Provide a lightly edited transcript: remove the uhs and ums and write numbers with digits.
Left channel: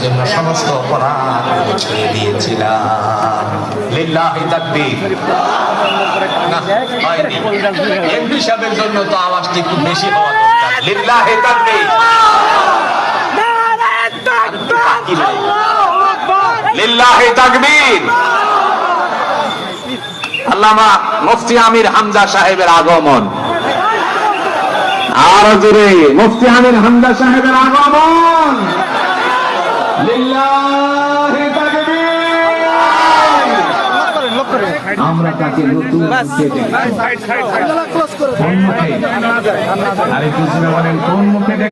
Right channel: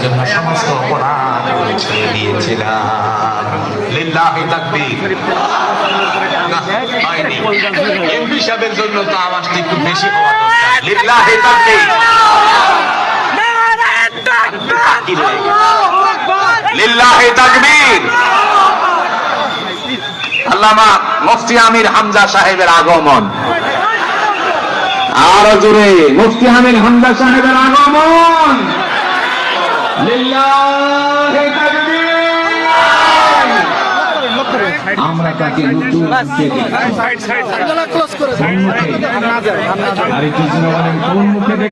সেজন্য সমস্ত অপরাধ ছেড়ে দিয়েছিলাম। লিল্লাহি তাকবীর। এমপি সাহেবের জন্য তো আওয়াজটা একটু বেশি হওয়া দরকার। লিল্লাহি তাকবীর, লিল্লাহি তাকবীর। আল্লামা মুফতি আমির হামজা সাহেবের আগমন, আরো জোরে মুফতি আমির হামজা সাহেবের আগমন। লিল্লাহি তাকবীর। আমরা তাকে নতুন থেকে